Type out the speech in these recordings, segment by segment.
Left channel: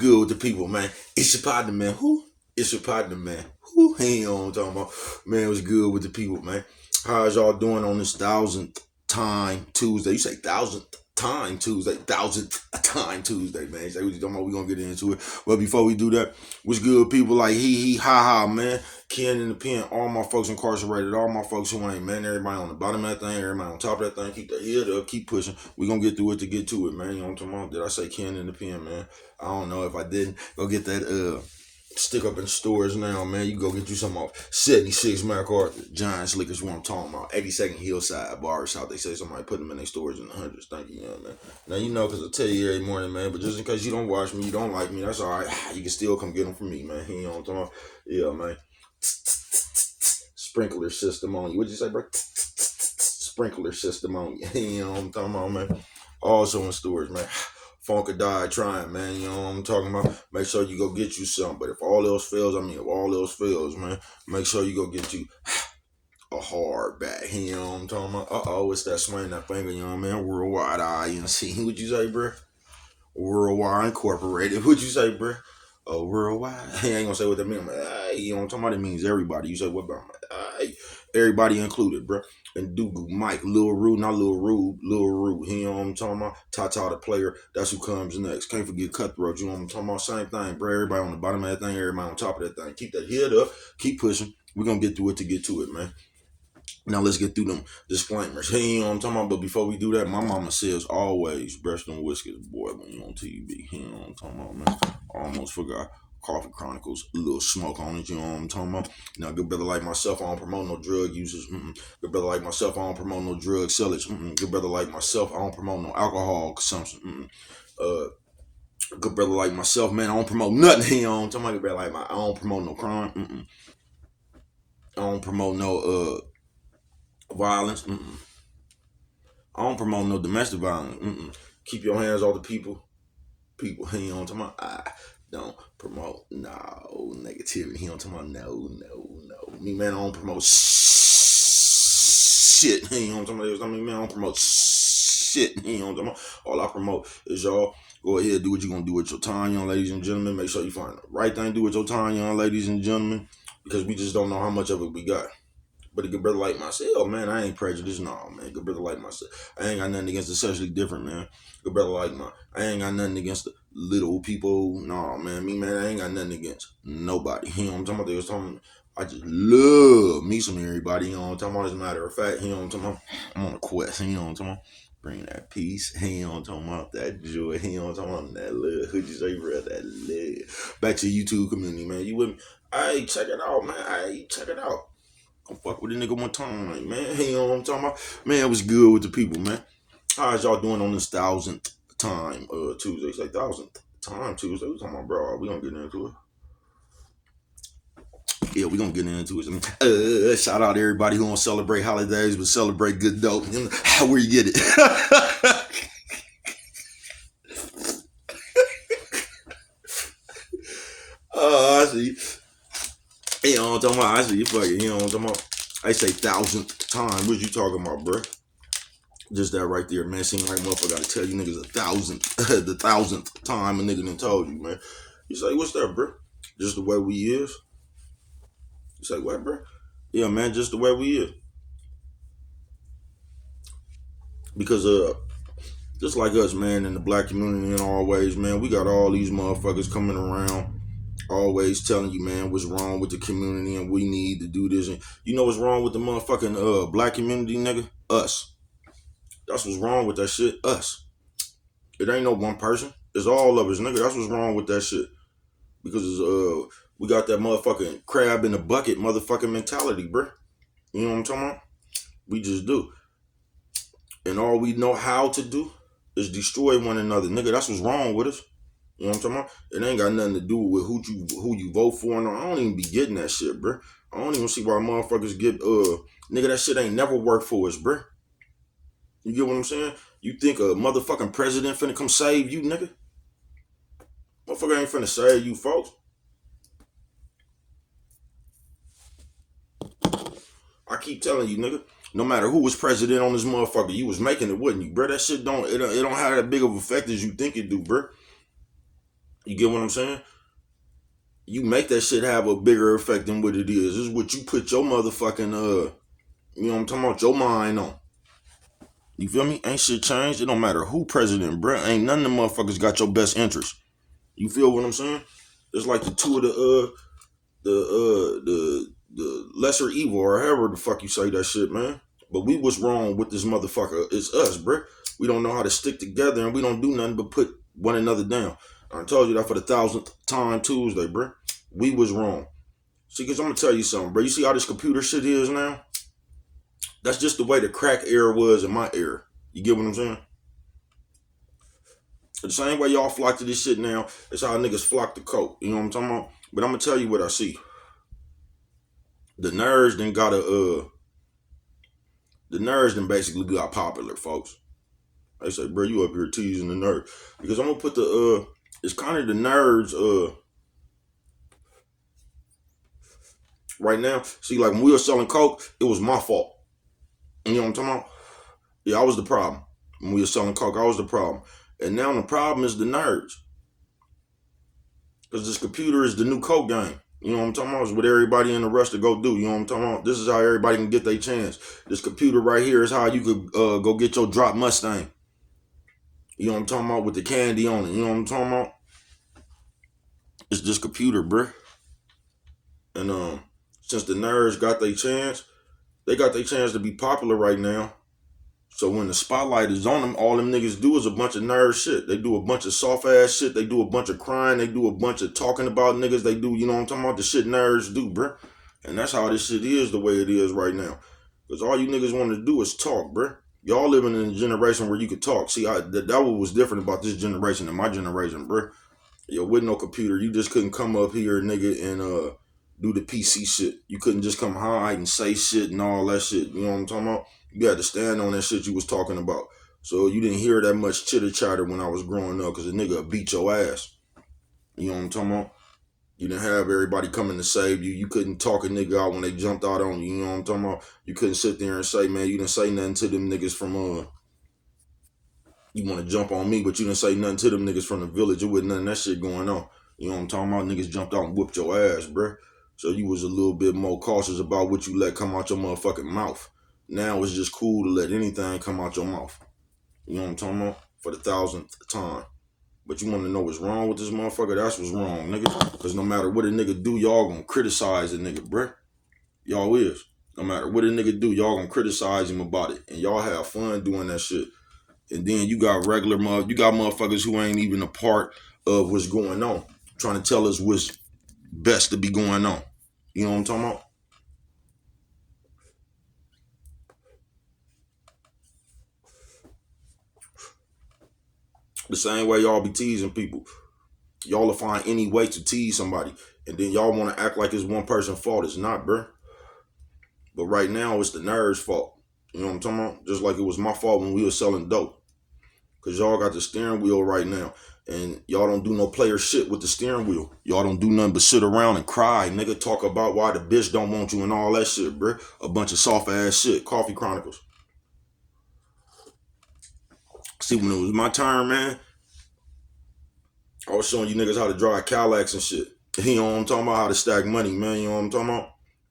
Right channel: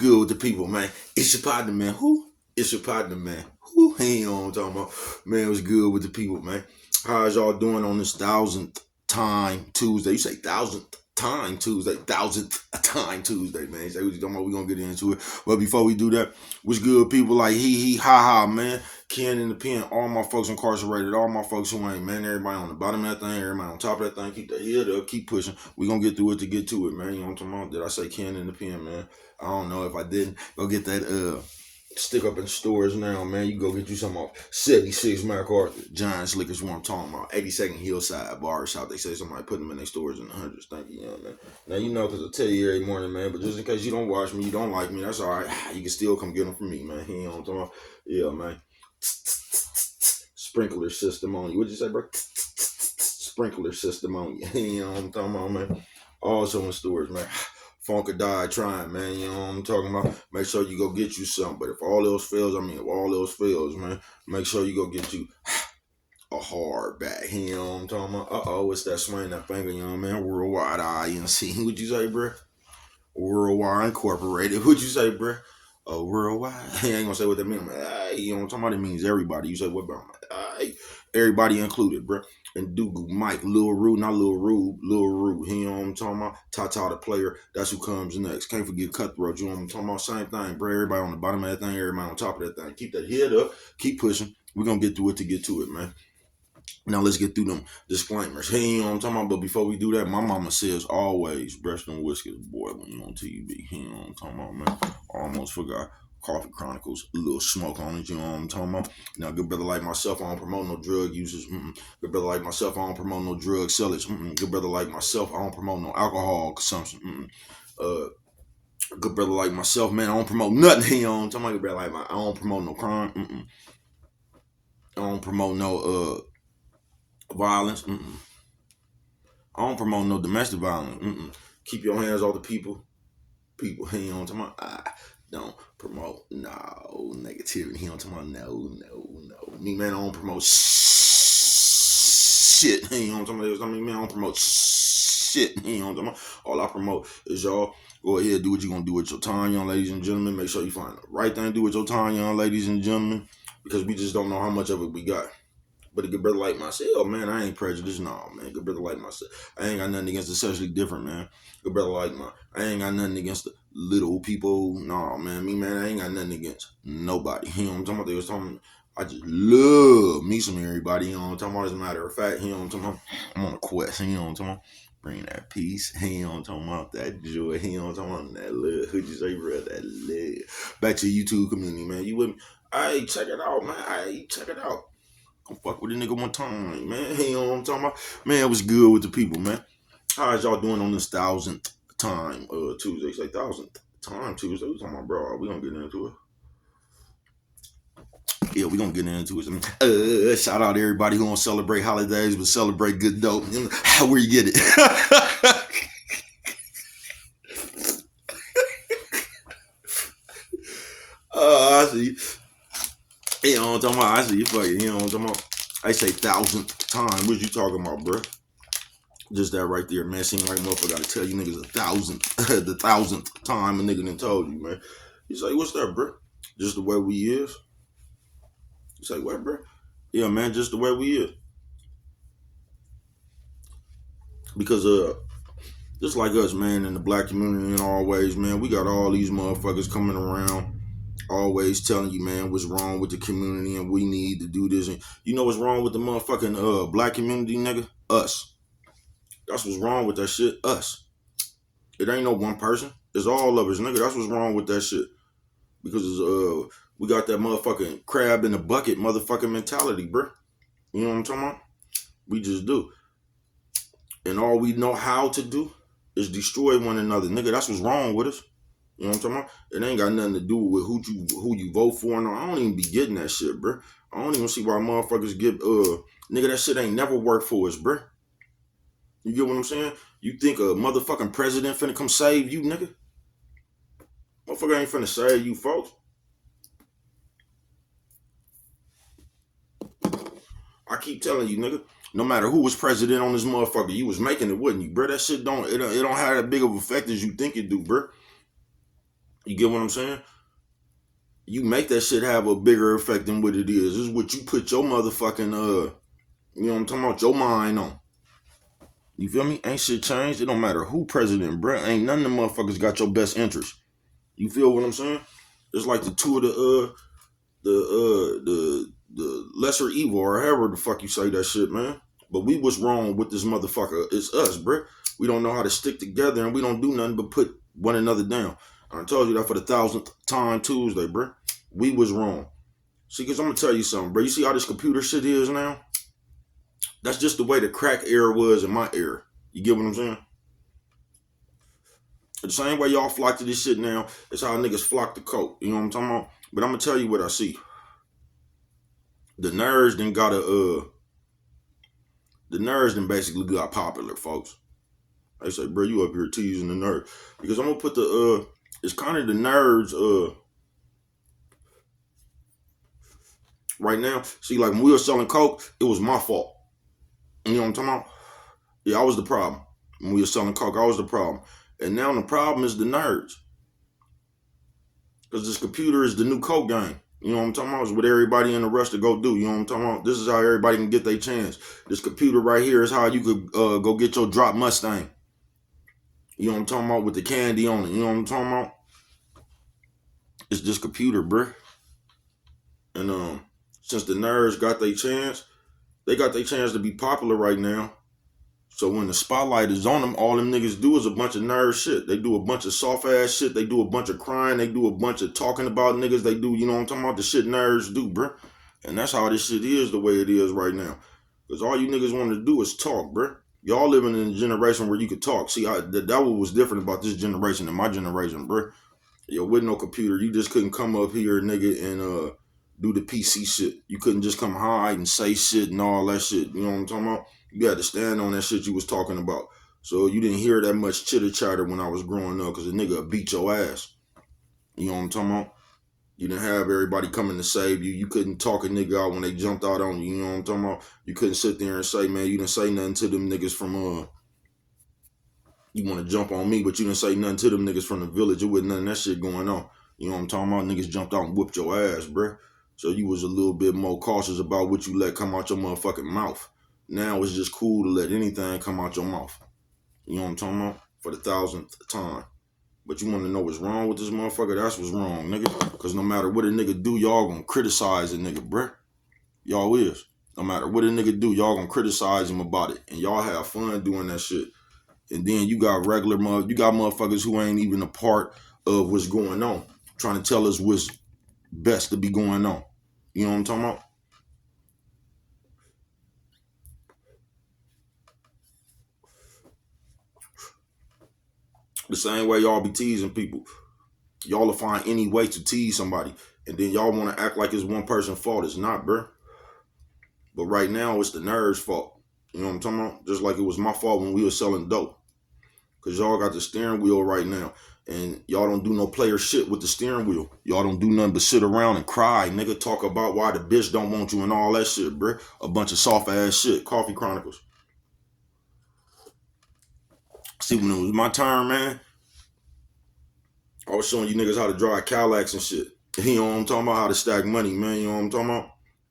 good with the people, man? It's your partner, man. Who? It's your partner, man. Who? He ain't on what I'm talking about. Man, what's good with the people, man? How's y'all doing on this 1000th Tuesday? You say 1000th Tuesday, man. You say what you talking about? We gonna get into it. But before we do that, what's good, people? Like he, ha, man. Ken in the pen, all my folks incarcerated, all my folks who ain't, man. Everybody on the bottom of that thing, everybody on top of that thing. Keep the head up, keep pushing. We gonna get through it to get to it, man. You know what I'm talking about? Did I say Ken in the pen, man? I don't know if I didn't. Go get that stick up in stores now, man. You go get you some off 76 MacArthur. Giants Liquors, what I'm talking about. 82nd Hillside Barbershop. They say somebody put them in their stores in the hundreds. Thank you, man. Now, you know, because I tell you every morning, man. But just in case you don't watch me, you don't like me, that's all right. You can still come get them from me, man. You know what I'm talking about? Yeah, man. Sprinkler system on you. What'd you say, bro? Sprinkler system on you. You know what I'm talking about, man? Also in stores, man. Funk or die trying, man. You know what I'm talking about? Make sure you go get you something. But if all else fails, man, make sure you go get you a hard back. You know what I'm talking about? It's that swing that finger, you know what I mean? Worldwide INC. What'd you say, bro? Worldwide Incorporated. What'd you say, bro? Worldwide. I ain't gonna say what that means. You know what I'm talking about? It means everybody. You say what about everybody included, bro. And Dugu, Mike, Lil Rue, not Lil Rue, Lil Rue. You know what I'm talking about? Tata the player, that's who comes next. Can't forget Cutthroat, you know what I'm talking about? Same thing, bro. Everybody on the bottom of that thing, everybody on top of that thing. Keep that head up, keep pushing. We're gonna get through it to get to it, man. Now let's get through them disclaimers. Hey, you know what I'm talking about? But before we do that, my mama says always brush them whiskers, boy, when you on TV. You know what I'm talking about, man? I almost forgot. Coffee Chronicles, a little smoke on it, you know what I'm talking about? Now, good brother like myself, I don't promote no drug users. Good brother like myself, I don't promote no drug sellers. Good brother like myself, I don't promote no alcohol consumption. Good brother like myself, man, I don't promote nothing. You know what I'm talking about? Good brother like I don't promote no crime. I don't promote no violence. I don't promote no domestic violence. Keep your hands off the people. You know what I'm talking about? I don't promote no negativity. You know what I'm talking about? No. Me, man, I don't promote shit. You know what I'm talking about? I mean, man, I don't promote shit. You know what I'm talking about? All I promote is y'all go ahead, do what you're gonna do with your time, young ladies and gentlemen. Make sure you find the right thing to do with your time, young ladies and gentlemen, because we just don't know how much of it we got. But a good brother like myself, man, I ain't prejudiced, no, man. Good brother like myself, I ain't got nothing against the sexually different, man. Good brother like I ain't got nothing against the little people, no, man. Me, man, I ain't got nothing against nobody. You know what I'm talking about? They was talking, I just love me some everybody. You know what I'm talking about? As a matter of fact, you know what I'm talking about? I'm on a quest. You know what I'm talking about? Bring that peace. You know what I'm talking about? That joy. You know what I'm talking about? That love. Who'd you say, bro? That love. Back to YouTube community, man. You with me? Hey, check it out, man. Hey, check it out. Don't fuck with a nigga one time, man. You know what I'm talking about? Man, it was good with the people, man. How's y'all doing on this 1000th time Tuesday? It's like 1000th time Tuesday. We talking about, bro? We gonna get into it. Yeah, we gonna get into it. Shout out to everybody who don't celebrate holidays but celebrate good dope. Where you get it? I see. You know what I'm talking about? I see you fucking. You know what I'm talking about? I say 1000th time. What you talking about, bro? Just that right there, man. Seem like motherfucker gotta tell you niggas the 1000th time a nigga done told you, man. You say, what's that, bro? Just the way we is. You say, what, bro? Yeah, man, just the way we is. Because just like us, man, in the black community and always, man, we got all these motherfuckers coming around, always telling you, man, what's wrong with the community and we need to do this. And you know what's wrong with the motherfucking black community, nigga? Us. That's what's wrong with that shit. Us. It ain't no one person. It's all of us, nigga. That's what's wrong with that shit. Because we got that motherfucking crab in the bucket motherfucking mentality, bruh. You know what I'm talking about? We just do. And all we know how to do is destroy one another. Nigga, that's what's wrong with us. You know what I'm talking about? It ain't got nothing to do with who you vote for. No, I don't even be getting that shit, bruh. I don't even see why motherfuckers get, nigga, that shit ain't never worked for us, bruh. You get what I'm saying? You think a motherfucking president finna come save you, nigga? Motherfucker ain't finna save you, folks. I keep telling you, nigga, no matter who was president on this motherfucker, you was making it, wouldn't you, bro? That shit don't have that big of effect as you think it do, bro. You get what I'm saying? You make that shit have a bigger effect than what it is. This is what you put your motherfucking you know what I'm talking about, your mind on. You feel me? Ain't shit changed. It don't matter who president, bruh. Ain't none of them motherfuckers got your best interest. You feel what I'm saying? It's like the two of the lesser evil or however the fuck you say that shit, man. But we was wrong with this motherfucker. It's us, bruh. We don't know how to stick together and we don't do nothing but put one another down. I told you that for the 1000th time Tuesday, bruh. We was wrong. See, because I'm going to tell you something, bro. You see how this computer shit is now? That's just the way the crack era was in my era. You get what I'm saying? The same way y'all flock to this shit now, it's how niggas flock to coke. You know what I'm talking about? But I'm going to tell you what I see. The nerds then got the nerds then basically got popular, folks. They say, bro, you up here teasing the nerds. Because I'm going to put it's kind of the nerds, right now. See, like when we were selling coke, it was my fault. You know what I'm talking about? Yeah, I was the problem. When we were selling coke, I was the problem. And now the problem is the nerds. Because this computer is the new coke game. You know what I'm talking about? It's what everybody in the rush to go do. You know what I'm talking about? This is how everybody can get their chance. This computer right here is how you could go get your drop Mustang. You know what I'm talking about? With the candy on it. You know what I'm talking about? It's this computer, bruh. And since the nerds got their chance, they got their chance to be popular right now. So when the spotlight is on them, all them niggas do is a bunch of nerd shit. They do a bunch of soft ass shit. They do a bunch of crying. They do a bunch of talking about niggas. They do, you know what I'm talking about? The shit nerds do, bruh. And that's how this shit is the way it is right now. Because all you niggas want to do is talk, bruh. Y'all living in a generation where you could talk. See, that what was different about this generation than my generation, bruh. Yo, with no computer, you just couldn't come up here, nigga, and do the PC shit. You couldn't just come hide and say shit and all that shit. You know what I'm talking about? You had to stand on that shit you was talking about. So you didn't hear that much chitter chatter when I was growing up because a nigga beat your ass. You know what I'm talking about? You didn't have everybody coming to save you. You couldn't talk a nigga out when they jumped out on you. You know what I'm talking about? You couldn't sit there and say, man, you didn't say nothing to them niggas from you want to jump on me, but you didn't say nothing to them niggas from the village. It wasn't none of that shit going on. You know what I'm talking about? Niggas jumped out and whooped your ass, bruh. So you was a little bit more cautious about what you let come out your motherfucking mouth. Now it's just cool to let anything come out your mouth. You know what I'm talking about? For the 1000th time. But you want to know what's wrong with this motherfucker? That's what's wrong, nigga. Because no matter what a nigga do, y'all gonna criticize a nigga, bruh. Y'all is. No matter what a nigga do, y'all gonna criticize him about it. And y'all have fun doing that shit. And then you got you got motherfuckers who ain't even a part of what's going on, trying to tell us what's best to be going on. You know what I'm talking about? The same way y'all be teasing people. Y'all will find any way to tease somebody. And then y'all want to act like it's one person's fault. It's not, bruh. But right now, it's the nerds' fault. You know what I'm talking about? Just like it was my fault when we were selling dope. Because y'all got the steering wheel right now. And y'all don't do no player shit with the steering wheel. Y'all don't do nothing but sit around and cry, nigga. Talk about why the bitch don't want you and all that shit, bruh. A bunch of soft ass shit. Coffee Chronicles. See, when it was my turn, man, I was showing you niggas how to drive Cadillacs and shit. You know what I'm talking about? How to stack money, man. You know what I'm talking about?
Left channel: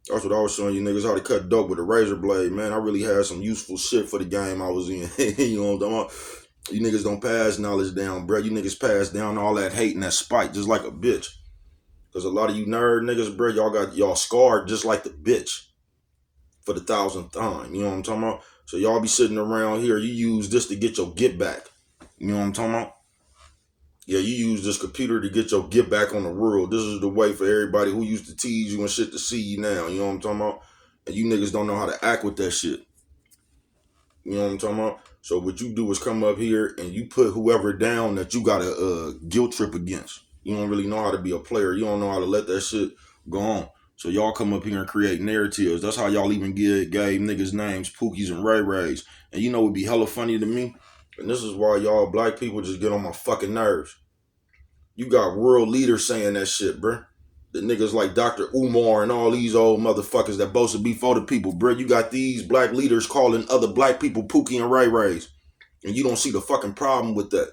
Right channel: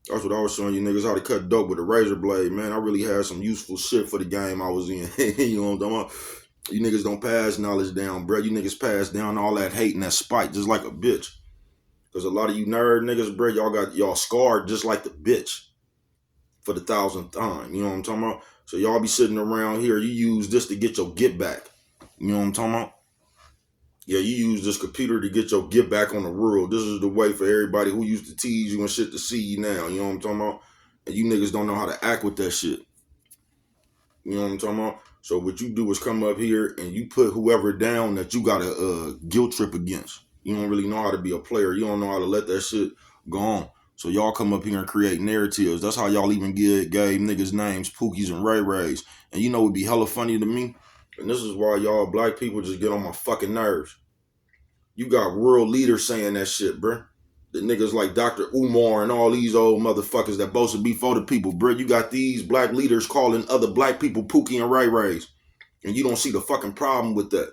That's what I was showing you niggas, how to cut dope with a razor blade, man. I really had some useful shit for the game I was in. You know what I'm talking about? You niggas don't pass knowledge down, bro. You niggas pass down all that hate and that spite just like a bitch. Because a lot of you nerd niggas, bro, y'all scarred just like the bitch for the 1000th time. You know what I'm talking about? So y'all be sitting around here, you use this to get your get back. You know what I'm talking about? Yeah, you use this computer to get your get back on the world. This is the way for everybody who used to tease you and shit to see you now. You know what I'm talking about? And you niggas don't know how to act with that shit. You know what I'm talking about? So what you do is come up here and you put whoever down that you got a guilt trip against. You don't really know how to be a player. You don't know how to let that shit go on. So y'all come up here and create narratives. That's how y'all even gave niggas names, Pookies and Ray Rays. And you know what'd be hella funny to me? And this is why y'all black people just get on my fucking nerves. You got world leaders saying that shit, bruh. The niggas like Dr. Umar and all these old motherfuckers that supposed to be for the people, bruh. You got these black leaders calling other black people Pookie and Ray Rays. And you don't see the fucking problem with that.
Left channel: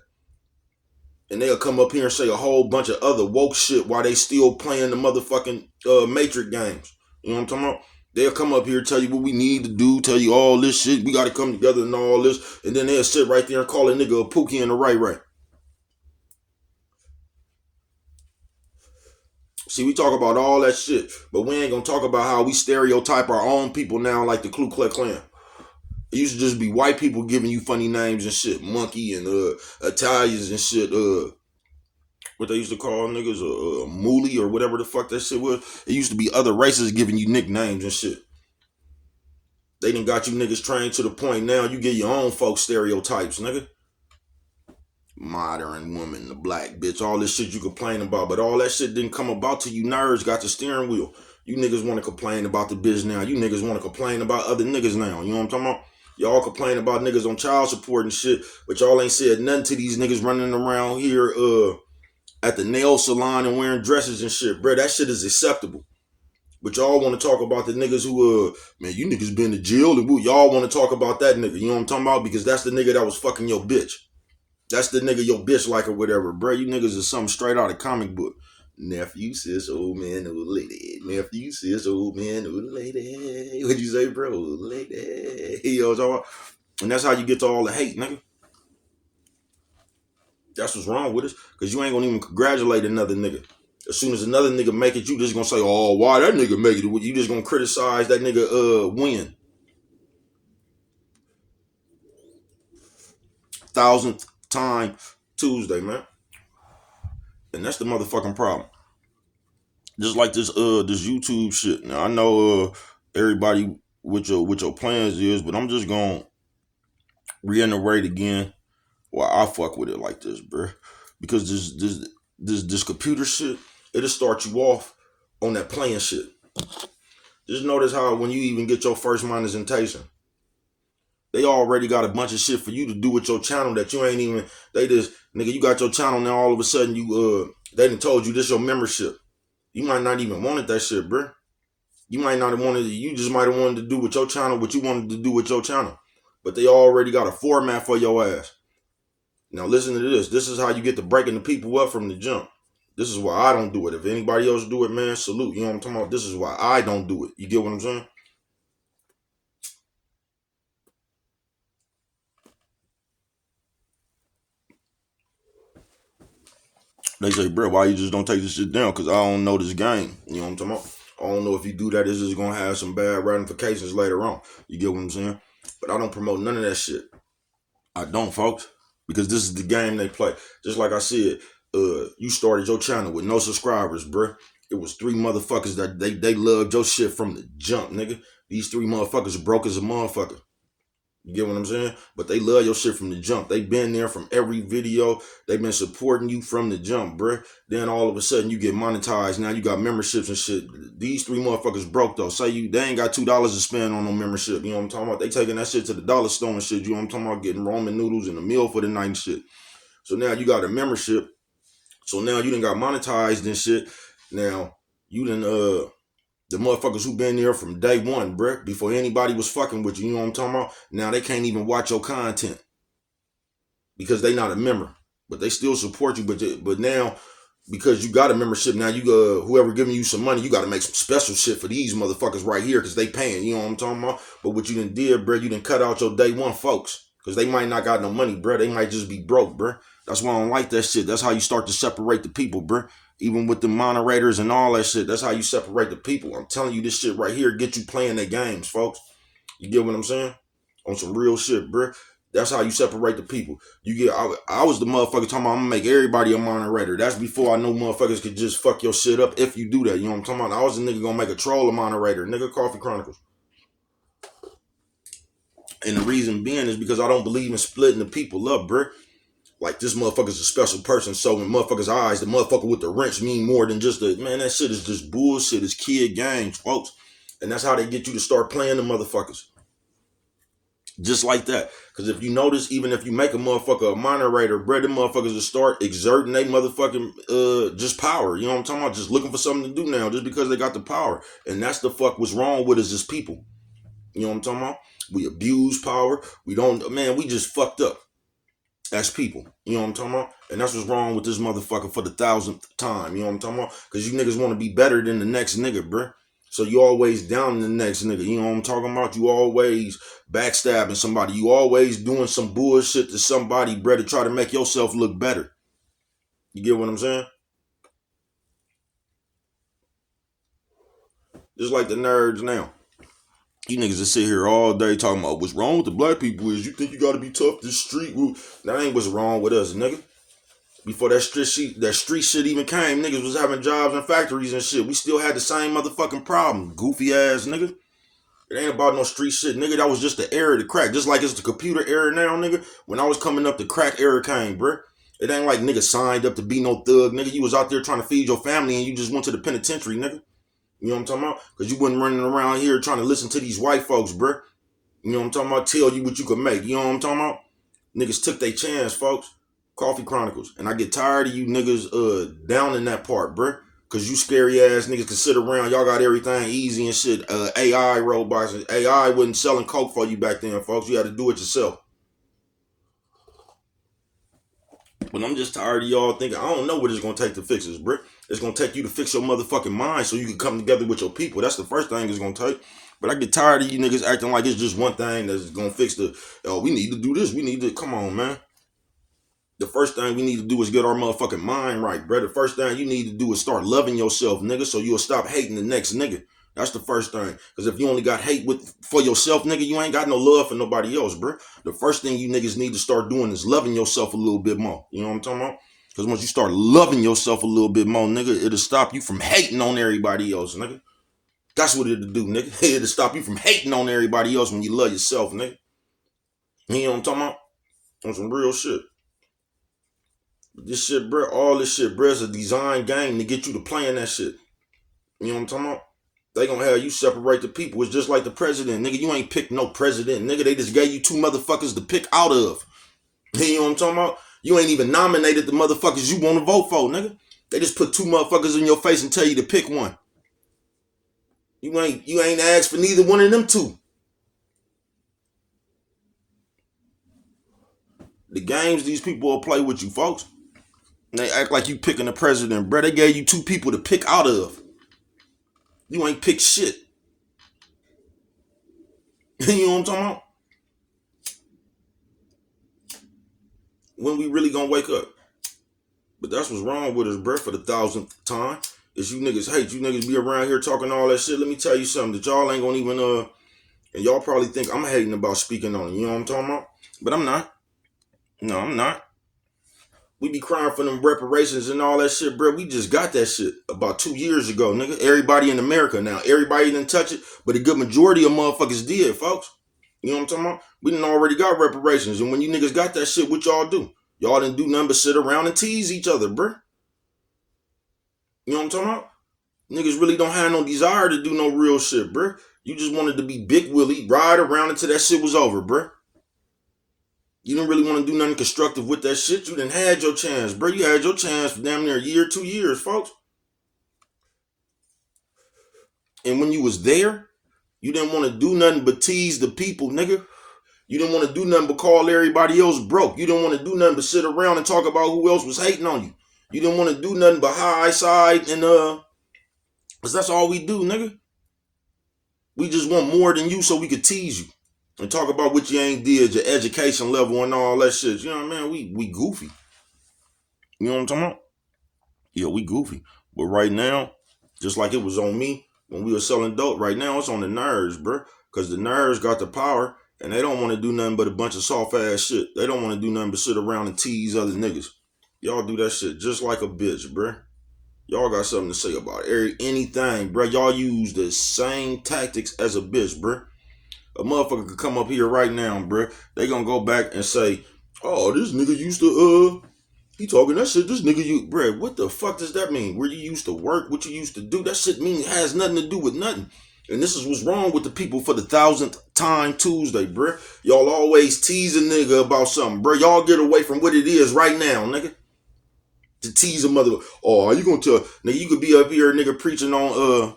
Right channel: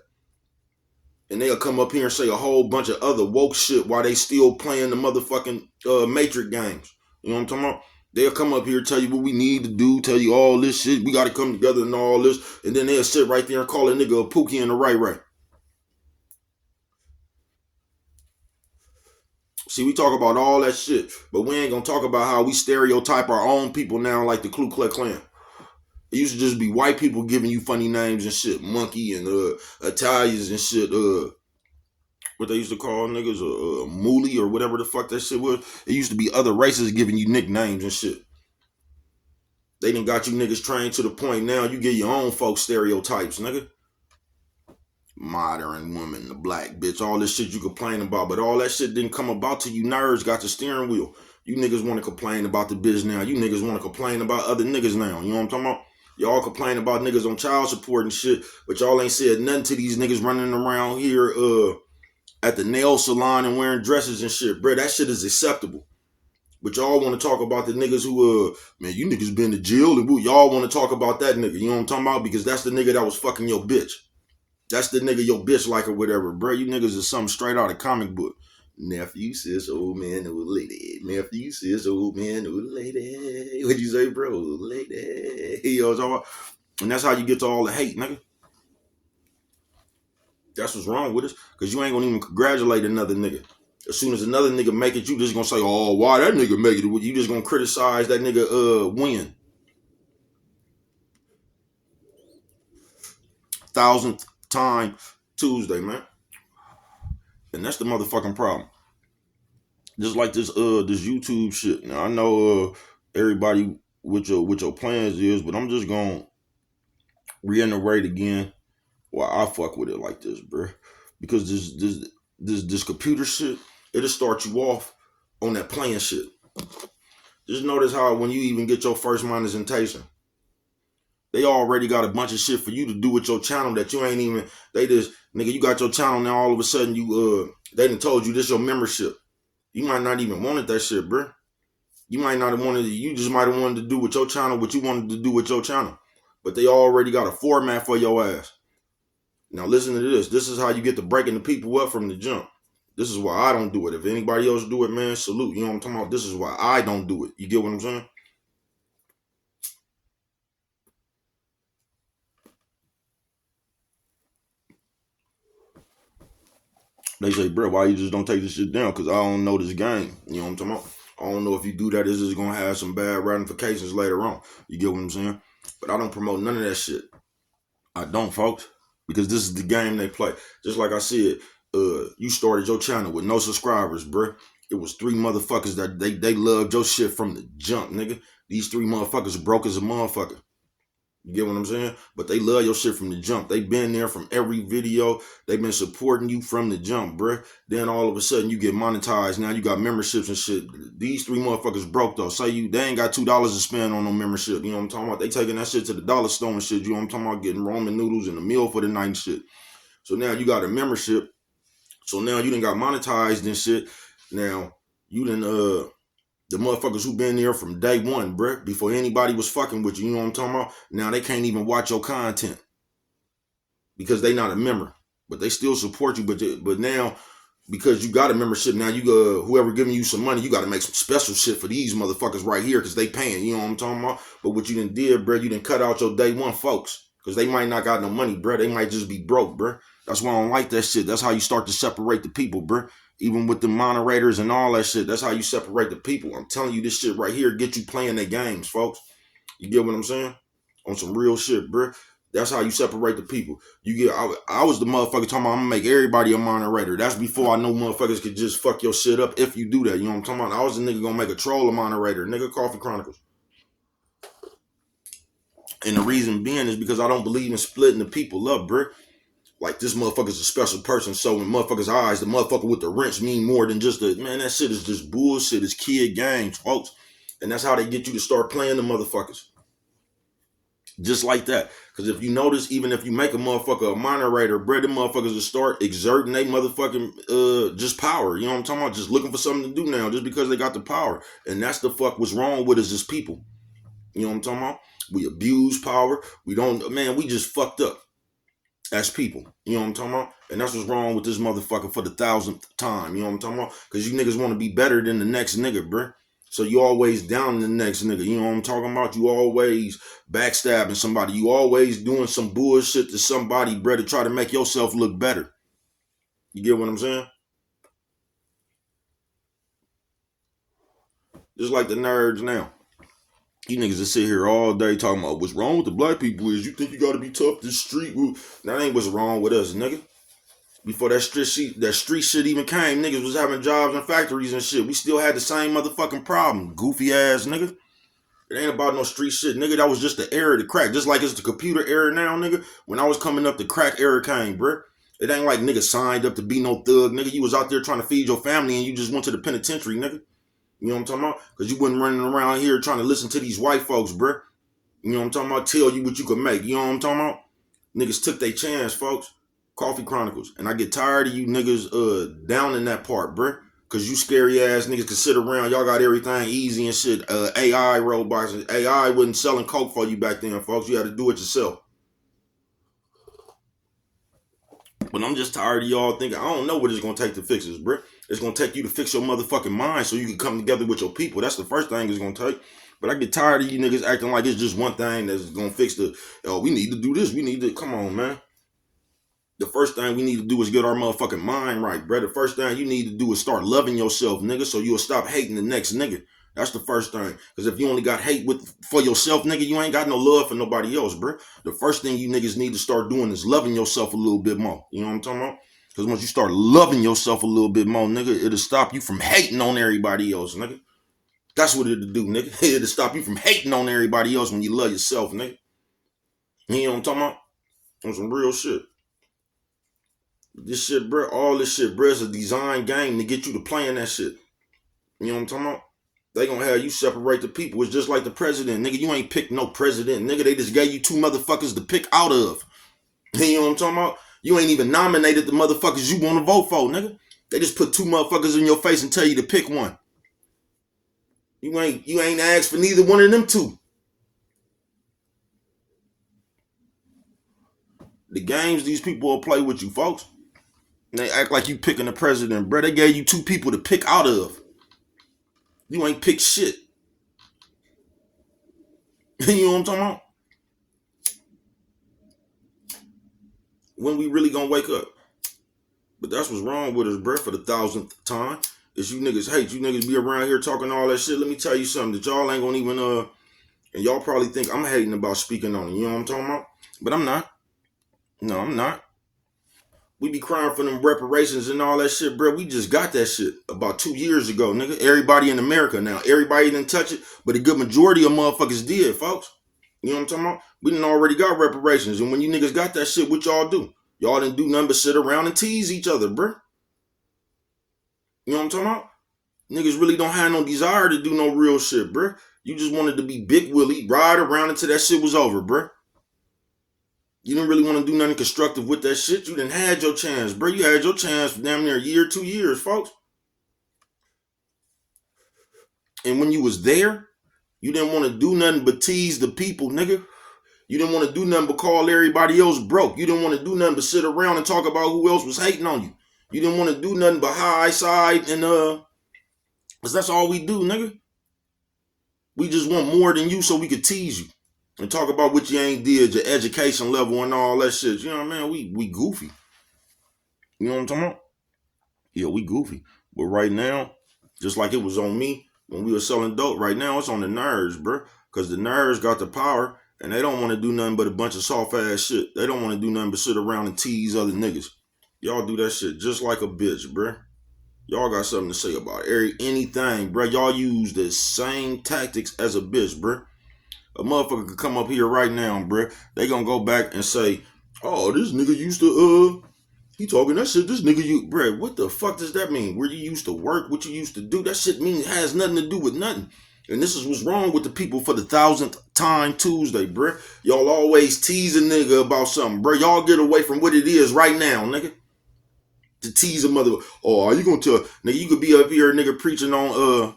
And they'll come up here and say a whole bunch of other woke shit while they still playing the motherfucking Matrix games. You know what I'm talking about? They'll come up here, tell you what we need to do, tell you all this shit, we gotta come together and all this, and then they'll sit right there and call a nigga a Pookie and a Ray Ray. See, we talk about all that shit, but we ain't gonna talk about how we stereotype our own people now like the Ku Klux Klan. It used to just be white people giving you funny names and shit, monkey and Italians and shit, what they used to call niggas, mooly or whatever the fuck that shit was. It used to be other races giving you nicknames and shit. They done got you niggas trained to the point now you get your own folk stereotypes, nigga. Modern woman, the black bitch, all this shit you complain about, but all that shit didn't come about till you nerds got the steering wheel. You niggas want to complain about the bitch now. You niggas want to complain about other niggas now. You know what I'm talking about? Y'all complain about niggas on child support and shit, but y'all ain't said nothing to these niggas running around here at the nail salon and wearing dresses and shit, bro. That shit is acceptable. But y'all want to talk about the niggas who, man, you niggas been to jail and y'all want to talk about that nigga. You know what I'm talking about? Because that's the nigga that was fucking your bitch. That's the nigga your bitch like or whatever, bro. You niggas is something straight out of comic book. Nephew, sis, old man, old lady. Nephew, sis, old man, old lady. What'd you say, bro? Old lady. You know what I'm talking about? And that's how you get to all the hate, nigga. That's what's wrong with us. Because you ain't going to even congratulate another nigga. As soon as another nigga make it, you just going to say, oh, why that nigga make it? You just going to criticize that nigga win. Thousandth time Tuesday, man. And that's the motherfucking problem. Just like this YouTube shit. Now I know everybody with your plans is, but I'm just gonna reiterate again why I fuck with it like this, bro. Because this computer shit, it'll start you off on that playing shit. Just notice how when you even get your first monetization, they already got a bunch of shit for you to do with your channel that you ain't even. They just nigga, you got your channel now. All of a sudden, you they done told you this your membership. You might not even wanted that shit, bro. You might not have wanted it. You just might have wanted to do with your channel what you wanted to do with your channel. But they already got a format for your ass. Now listen to this. This is how you get to breaking the people up from the jump. This is why I don't do it. If anybody else do it, man, salute. You know what I'm talking about? This is why I don't do it. You get what I'm saying? They say, bro, why you just don't take this shit down? Because I don't know this game. You know what I'm talking about? I don't know if you do that, this is going to have some bad ramifications later on. You get what I'm saying? But I don't promote none of that shit. I don't, folks. Because this is the game they play. Just like I said, you started your channel with no subscribers, bro. It was 3 motherfuckers that they loved your shit from the jump, nigga. These 3 motherfuckers broke as a motherfucker. You get what I'm saying? But they love your shit from the jump. They been there from every video. They been supporting you from the jump, bruh. Then all of a sudden you get monetized. Now you got memberships and shit. These 3 motherfuckers broke though. Say they ain't got $2 to spend on no membership. You know what I'm talking about? They taking that shit to the dollar store and shit. You know what I'm talking about? Getting ramen noodles and a meal for the night and shit. So now you got a membership. So now you done got monetized and shit. Now you done the motherfuckers who been there from day one, bruh, before anybody was fucking with you, you know what I'm talking about? Now they can't even watch your content because they not a member, but they still support you. But now because you got a membership, now you whoever giving you some money, you got to make some special shit for these motherfuckers right here because they paying. You know what I'm talking about? But what you done did, bruh, you done cut out your day one folks because they might not got no money, bruh. They might just be broke, bruh. That's why I don't like that shit. That's how you start to separate the people, bruh. Even with the moderators and all that shit, that's how you separate the people. I'm telling you, this shit right here get you playing their games, folks. You get what I'm saying? On some real shit, bruh. That's how you separate the people. I was the motherfucker talking about I'm gonna make everybody a moderator. That's before I know motherfuckers could just fuck your shit up if you do that. You know what I'm talking about? I was the nigga gonna make a troll a moderator. Nigga, Coffee Chronicles. And the reason being is because I don't believe in splitting the people up, bruh. Like this motherfucker's a special person, so in motherfuckers' eyes, the motherfucker with the wrench mean more than just the man. That shit is just bullshit. It's kid games, folks, and that's how they get you to start playing the motherfuckers, just like that. Because if you notice, even if you make a motherfucker a moderator, bro, them motherfuckers will start exerting they motherfucking just power. You know what I'm talking about? Just looking for something to do now, just because they got the power, and that's the fuck what's wrong with us as people. You know what I'm talking about? We abuse power. We don't, man. We just fucked up. as people. You know what I'm talking about? And that's what's wrong with this motherfucker for the 1000th time. You know what I'm talking about? Because you niggas want to be better than the next nigga, bruh. So you always down the next nigga. You know what I'm talking about? You always backstabbing somebody. You always doing some bullshit to somebody, bruh, to try to make yourself look better. You get what I'm saying? Just like the nerds now. You niggas just sit here all day talking about what's wrong with the black people is you think you gotta be tough this street. That ain't what's wrong with us, nigga. Before that street shit even came, niggas was having jobs in factories and shit. We still had the same motherfucking problem. Goofy ass nigga. It ain't about no street shit, nigga. That was just the era to crack. Just like it's the computer era now, nigga. When I was coming up, the crack era came, bruh. It ain't like nigga signed up to be no thug, nigga. You was out there trying to feed your family and you just went to the penitentiary, nigga. You know what I'm talking about? Because you wasn't running around here trying to listen to these white folks, bruh. You know what I'm talking about? Tell you what you could make. You know what I'm talking about? Niggas took their chance, folks. Coffee Chronicles. And I get tired of you niggas down in that part, bruh. Cause you scary ass niggas can sit around. Y'all got everything easy and shit. AI robots. AI wasn't selling coke for you back then, folks. You had to do it yourself. But I'm just tired of y'all thinking, I don't know what it's gonna take to fix this, bruh. It's gonna take you to fix your motherfucking mind so you can come together with your people. That's the first thing it's gonna take. But I get tired of you niggas acting like it's just one thing that's gonna fix we need to do this. We need to, come on, man. The first thing we need to do is get our motherfucking mind right, bro. The first thing you need to do is start loving yourself, nigga, so you'll stop hating the next nigga. That's the first thing. Because if you only got hate for yourself, nigga, you ain't got no love for nobody else, bro. The first thing you niggas need to start doing is loving yourself a little bit more. You know what I'm talking about? Because once you start loving yourself a little bit more, nigga, it'll stop you from hating on everybody else, nigga. That's what it'll do, nigga. It'll stop you from hating on everybody else when you love yourself, nigga. You know what I'm talking about? On some real shit. This shit, bro, all this shit, bro, is a design game to get you to playing that shit. You know what I'm talking about? They gonna have you separate the people. It's just like the president. Nigga, you ain't picked no president. Nigga, they just gave you two motherfuckers to pick out of. You know what I'm talking about? You ain't even nominated the motherfuckers you want to vote for, nigga. They just put two motherfuckers in your face and tell you to pick one. You ain't asked for neither one of them two. The games these people will play with you, folks. And they act like you picking the president, bro. They gave you two people to pick out of. You ain't picked shit. You know what I'm talking about? When we really gonna wake up? But that's what's wrong with us, bro, for the 1000th time. Is you niggas hate. You niggas be around here talking all that shit. Let me tell you something that y'all ain't gonna even, and y'all probably think I'm hating about speaking on it. You know what I'm talking about? But I'm not. No, I'm not. We be crying for them reparations and all that shit, bro. We just got that shit about 2 years ago, nigga. Everybody in America now. Everybody didn't touch it, but a good majority of motherfuckers did, folks. You know what I'm talking about? We done already got reparations. And when you niggas got that shit, what y'all do? Y'all didn't do nothing but sit around and tease each other, bro. You know what I'm talking about? Niggas really don't have no desire to do no real shit, bro. You just wanted to be Big Willie, ride around until that shit was over, bro. You didn't really want to do nothing constructive with that shit. You didn't had your chance, bro. You had your chance for damn near a year, 2 years, folks. And when you was there, you didn't want to do nothing but tease the people, nigga. You didn't want to do nothing but call everybody else broke. You didn't want to do nothing but sit around and talk about who else was hating on you. You didn't want to do nothing but high side and cause that's all we do, nigga. We just want more than you so we could tease you. And talk about what you ain't did, your education level and all that shit. You know what I mean? We goofy. You know what I'm talking about? Yeah, we goofy. But right now, just like it was on me when we were selling dope, right now it's on the nerds, bro. Because the nerds got the power and they don't want to do nothing but a bunch of soft ass shit. They don't want to do nothing but sit around and tease other niggas. Y'all do that shit just like a bitch, bro. Y'all got something to say about anything, bro. Y'all use the same tactics as a bitch, bro. A motherfucker could come up here right now, bro. They gonna go back and say, oh, this nigga used to, he talking that shit. This nigga, bruh, what the fuck does that mean? Where you used to work, what you used to do? That shit has nothing to do with nothing. And this is what's wrong with the people for the 1000th time Tuesday, bruh. Y'all always tease a nigga about something, bruh. Y'all get away from what it is right now, nigga. To tease a mother. Oh, you gonna tell, nigga, you could be up here, nigga, preaching on,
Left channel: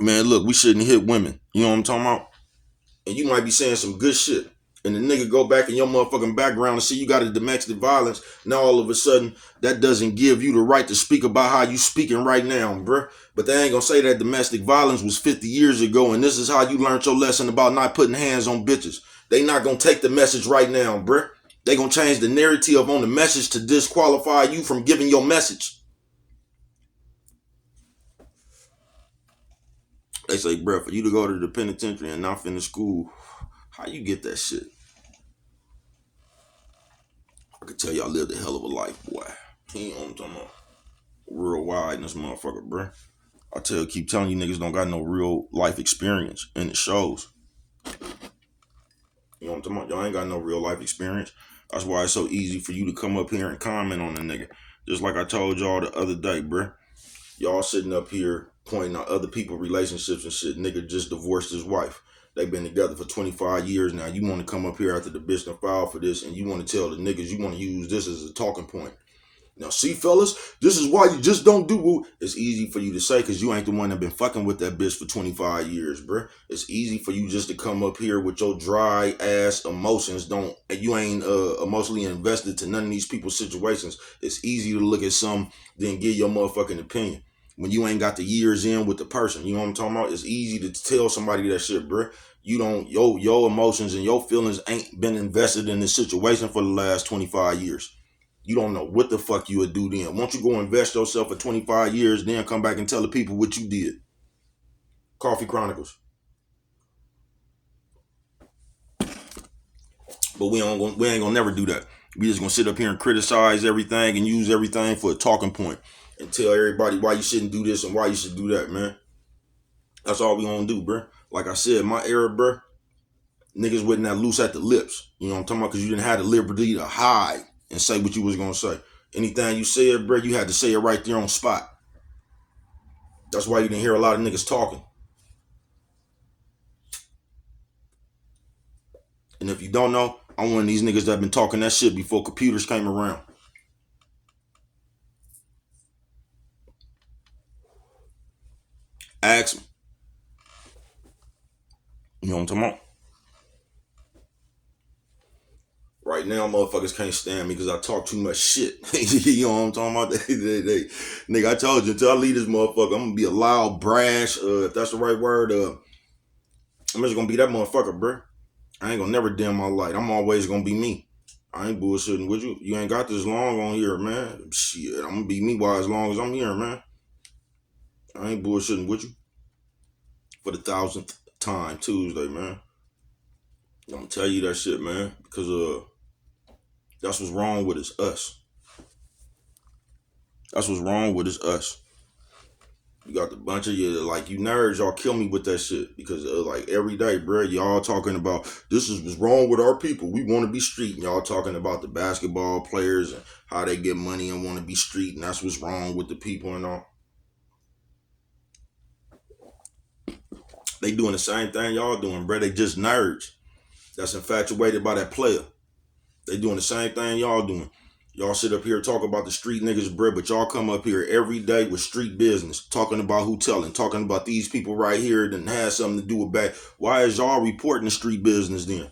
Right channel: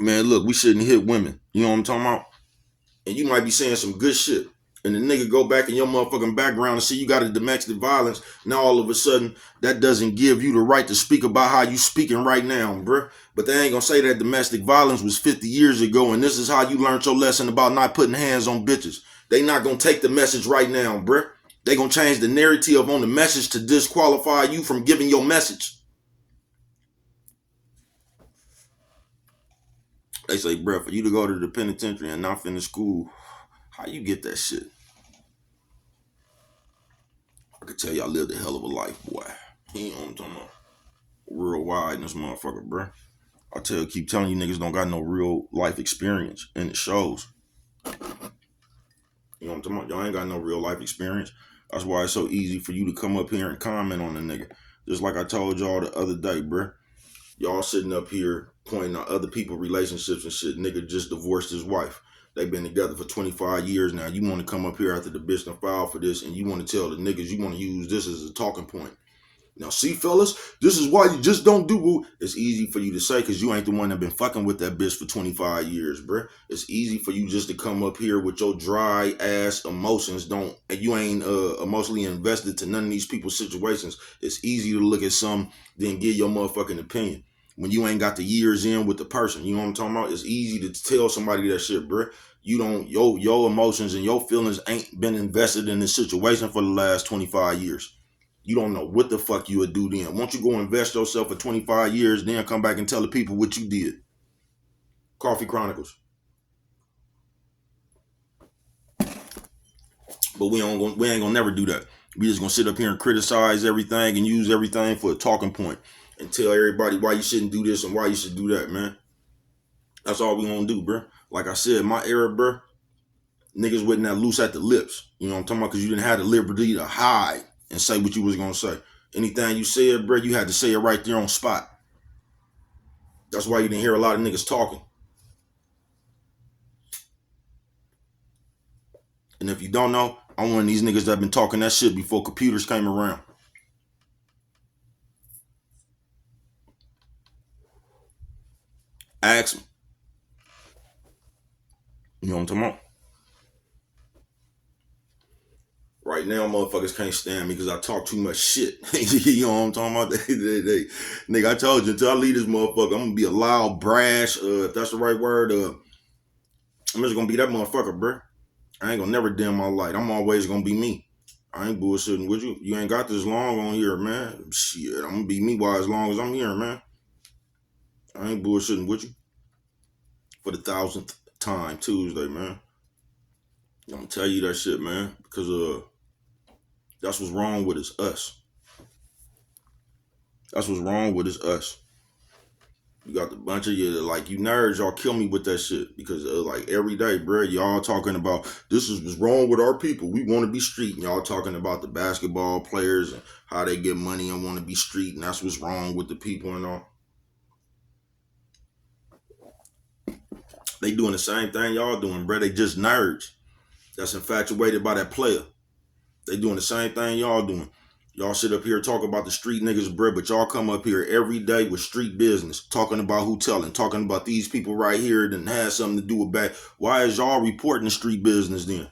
man, look, we shouldn't hit women. You know what I'm talking about? And you might be saying some good shit. and the nigga go back in your motherfucking background and see you got a domestic violence, now all of a sudden that doesn't give you the right to speak about how you speaking right now, bruh. But they ain't gonna say that domestic violence was 50 years ago and this is how you learned your lesson about not putting hands on bitches. They not gonna take the message right now, bruh. They gonna change the narrative on the message to disqualify you from giving your message. They say, bruh, for you to go to the penitentiary and not finish school, how you get that shit? I can tell y'all lived a hell of a life, boy. He ain't on talking about real wide in this motherfucker, bruh. Keep telling you niggas don't got no real life experience, and it shows. You know what I'm talking about? Y'all ain't got no real life experience. That's why it's so easy for you to come up here and comment on the nigga. Just like I told y'all the other day, bruh. Y'all sitting up here pointing out other people's relationships and shit. Nigga just divorced his wife. They've been together for 25 years now. You want to come up here after the bitch done filed for this and you want to tell the niggas you want to use this as a talking point. Now, see, fellas, this is why you just don't do it. It's easy for you to say because you ain't the one that been fucking with that bitch for 25 years, bruh. It's easy for you just to come up here with your dry ass emotions, and you ain't emotionally invested to none of these people's situations. It's easy to look at some, then give your motherfucking opinion when you ain't got the years in with the person. You know what I'm talking about? It's easy to tell somebody that shit, bruh. You don't, your emotions and your feelings ain't been invested in this situation for the last 25 years. You don't know what the fuck you would do then. Once you go invest yourself for 25 years, then come back and tell the people what you did. Coffee Chronicles. But we ain't gonna never do that. We just gonna sit up here and criticize everything and use everything for a talking point and tell everybody why you shouldn't do this and why you should do that, man. That's all we gonna do, bro. Like I said, my era, bro, niggas wasn't that loose at the lips. You know what I'm talking about? Because you didn't have the liberty to hide and say what you was gonna say. Anything you said, bro, you had to say it right there on spot. That's why you didn't hear a lot of niggas talking. And if you don't know, I'm one of these niggas that been talking that shit before computers came around. Ask me. You know what I'm talking about? Right now, motherfuckers can't stand me because I talk too much shit. You know what I'm talking about? Nigga, I told you, until I leave this motherfucker, I'm gonna be a loud, brash, if that's the right word, I'm just gonna be that motherfucker, bruh. I ain't gonna never dim my light. I'm always gonna be me. I ain't bullshitting with you. You ain't got this long on here, man. Shit, I'm gonna be me while as long as I'm here, man. I ain't bullshitting with you. For the 1000th time Tuesday, man. I'm gonna tell you that shit, man, because that's what's wrong with us. That's what's wrong with us. You got the bunch of you like you nerds, y'all kill me with that shit because like every day, bro, y'all talking about this is what's wrong with our people. We want to be street, and y'all talking about the basketball players and how they get money and want to be street, and that's what's wrong with the people and all. They doing the same thing y'all doing, bro. They just nerds that's infatuated by that player. They doing the same thing y'all doing. Y'all sit up here talk about the street niggas, bruh, but y'all come up here every day with street business, talking about who telling, talking about these people right here that has something to do with back. Why is y'all reporting the street business then?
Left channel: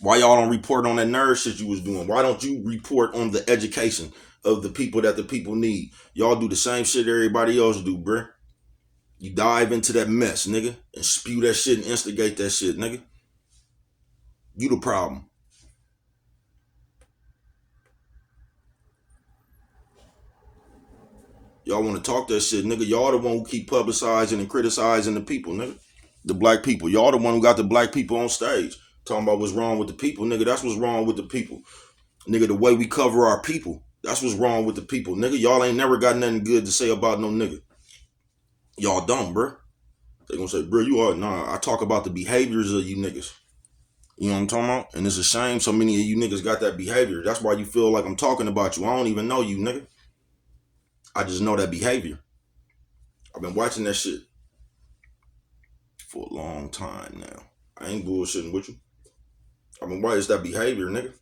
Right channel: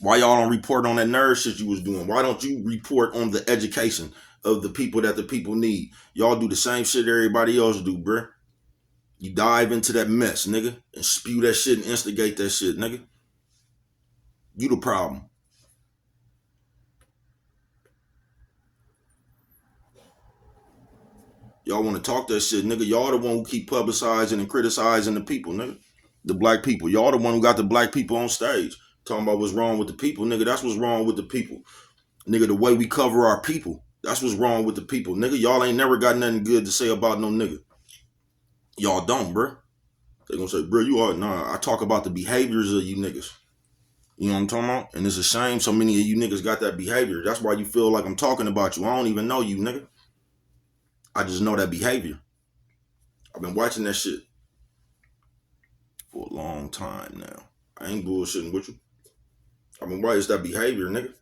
Why y'all don't report on that nerd shit you was doing? Why don't you report on the education of the people that the people need? Y'all do the same shit everybody else do, bruh. You dive into that mess, nigga, and spew that shit and instigate that shit, nigga. You the problem. Y'all want to talk that shit, nigga. Y'all the one who keep publicizing and criticizing the people, nigga. The black people. Y'all the one who got the black people on stage. Talking about what's wrong with the people, nigga. That's what's wrong with the people. Nigga, the way we cover our people. That's what's wrong with the people. Nigga, y'all ain't never got nothing good to say about no nigga. Y'all don't, bruh. They gonna say, bruh, you are. Nah, I talk about the behaviors of you niggas. You know what I'm talking about? And it's a shame so many of you niggas got that behavior. That's why you feel like I'm talking about you. I don't even know you, nigga. I just know that behavior. I've been watching that shit for a long time now. I ain't bullshitting with you. I mean, why is that behavior, nigga?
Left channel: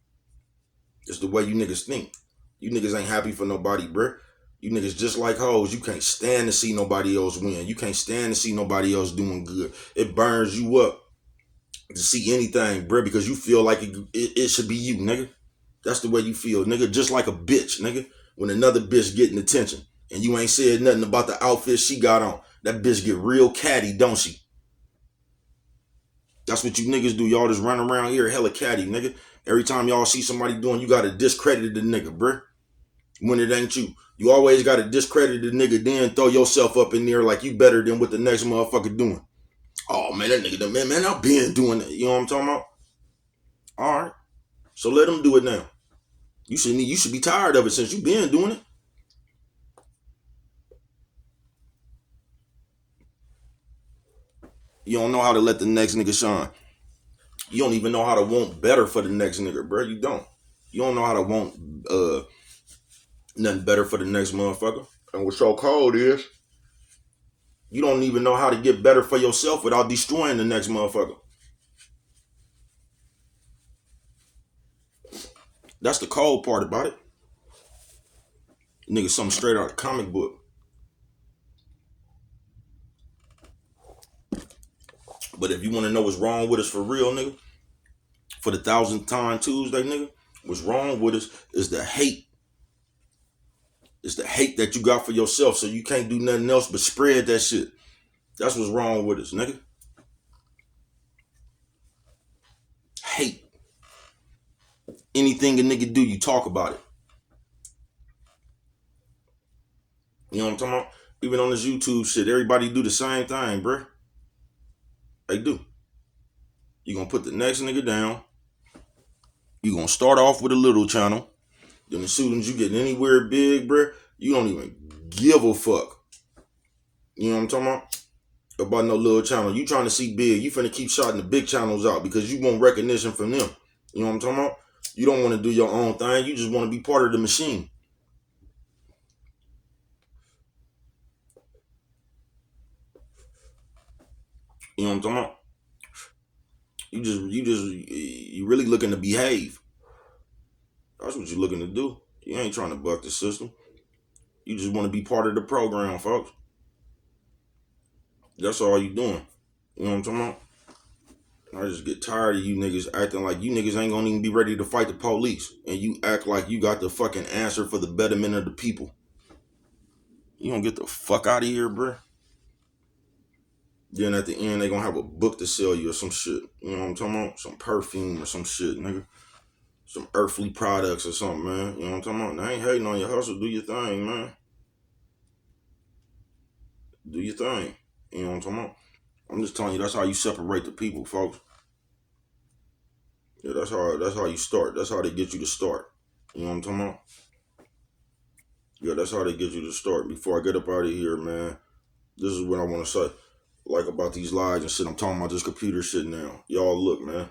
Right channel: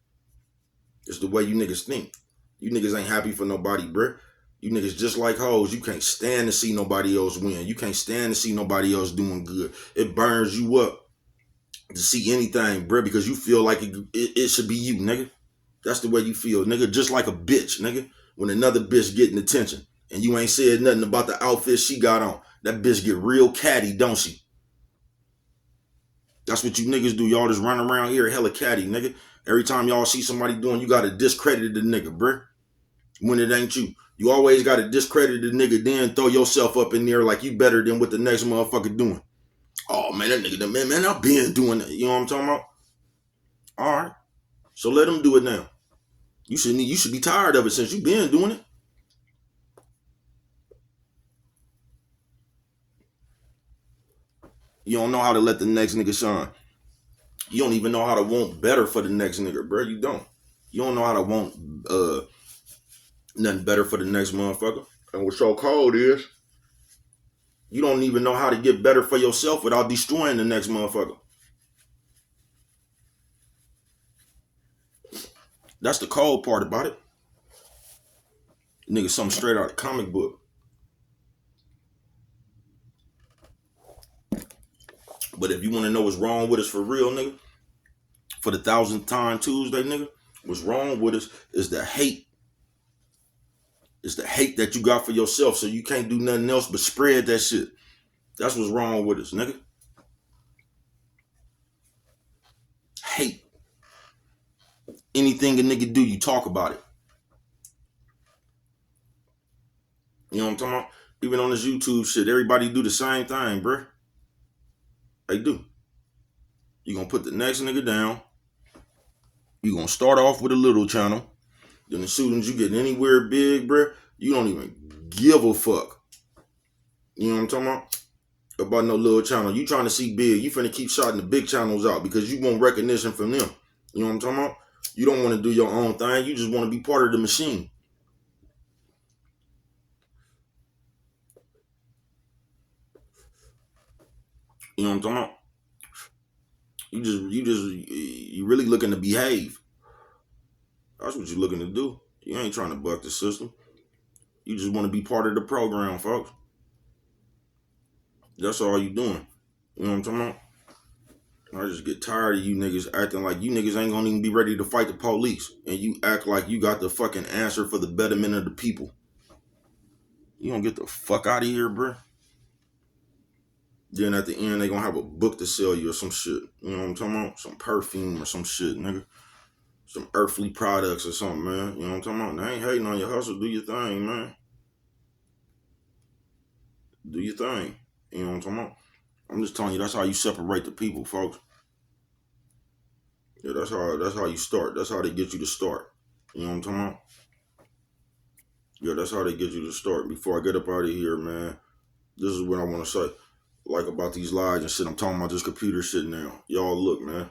It's the way you niggas think. You niggas ain't happy for nobody, bruh. You niggas just like hoes. You can't stand to see nobody else win. You can't stand to see nobody else doing good. It burns you up to see anything, bruh, because you feel like it should be you, nigga. That's the way you feel, nigga. Just like a bitch, nigga. When another bitch getting attention and you ain't said nothing about the outfit she got on, that bitch get real catty, don't she? That's what you niggas do. Y'all just run around here hella catty, nigga. Every time y'all see somebody doing, you gotta discredit the nigga, bruh. When it ain't you. You always gotta discredit the nigga, then throw yourself up in there like you better than what the next motherfucker doing. Oh man, that nigga, man, I've been doing that. You know what I'm talking about? All right. So let him do it now. You should be tired of it since you been doing it. You don't know how to let the next nigga shine. You don't even know how to want better for the next nigga, bro. You don't. You don't know how to want nothing better for the next motherfucker. And what's so cold is you don't even know how to get better for yourself without destroying the next motherfucker. That's the cold part about it. Nigga, something straight out of the comic book. But if you want to know what's wrong with us for real, nigga, for the 1000th time Tuesday, nigga, what's wrong with us is the hate. It's the hate that you got for yourself, so you can't do nothing else but spread that shit. That's what's wrong with us, nigga. Hate. Anything a nigga do, you talk about it. You know what I'm talking about? Even on this YouTube shit, everybody do the same thing, bruh. They do. You gonna put the next nigga down. You gonna start off with a little channel. Then as soon as you get anywhere big, bruh, you don't even give a fuck. You know what I'm talking about? About no little channel. You trying to see big. You finna keep shouting the big channels out because you want recognition from them. You know what I'm talking about? You don't want to do your own thing. You just want to be part of the machine. You know what I'm talking about? You really looking to behave. That's what you're looking to do. You ain't trying to buck the system. You just want to be part of the program, folks. That's all you doing. You know what I'm talking about? I just get tired of you niggas acting like you niggas ain't gonna even be ready to fight the police. And you act like you got the fucking answer for the betterment of the people. You don't get the fuck out of here, bruh. Then at the end, they gonna have a book to sell you or some shit. You know what I'm talking about? Some perfume or some shit, nigga. Some earthly products or something, man. You know what I'm talking about? They ain't hating on your hustle. Do your thing, man. Do your thing. You know what I'm talking about? I'm just telling you, that's how you separate the people, folks. Yeah, that's how you start. That's how they get you to start. You know what I'm talking about? Yeah, that's how they get you to start. Before I get up out of here, man, this is what I want to say. Like about these lies and shit. I'm talking about this computer shit now. Y'all look, man.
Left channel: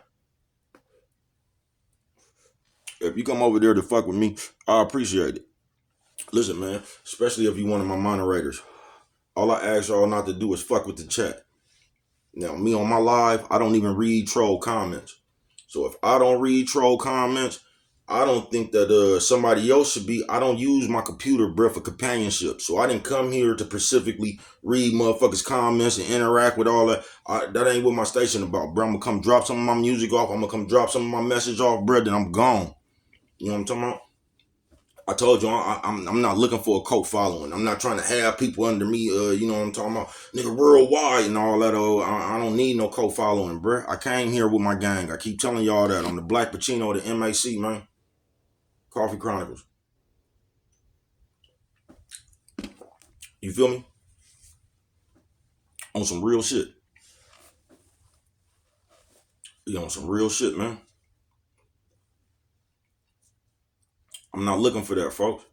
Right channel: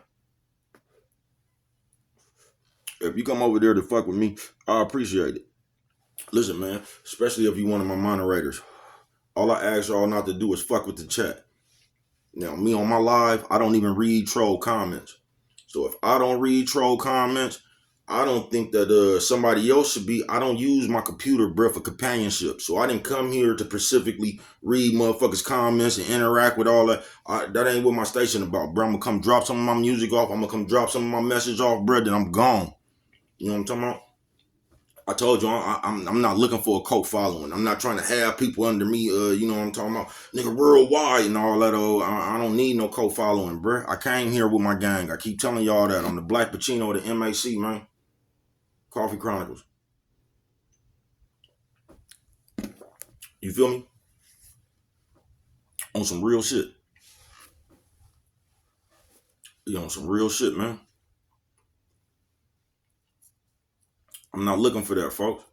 If you come over there to fuck with me, I appreciate it. Listen, man, especially if you one of my moderators. All I ask y'all not to do is fuck with the chat. Now, me on my live, I don't even read troll comments. So if I don't read troll comments, I don't think that somebody else should be. I don't use my computer, bro, for companionship. So I didn't come here to specifically read motherfuckers' comments and interact with all that. That ain't what my station about, bro. I'm gonna come drop some of my music off. I'm gonna come drop some of my message off, bro, then I'm gone. You know what I'm talking about? I told you I'm not looking for a cult following. I'm not trying to have people under me. You know what I'm talking about, nigga, worldwide and all that. I don't need no cult following, bro. I came here with my gang. I keep telling y'all that I'm the Black Pacino of the MAC, man. Coffee Chronicles. You feel me? On some real shit. You on some real shit, man. I'm not looking for that, folks.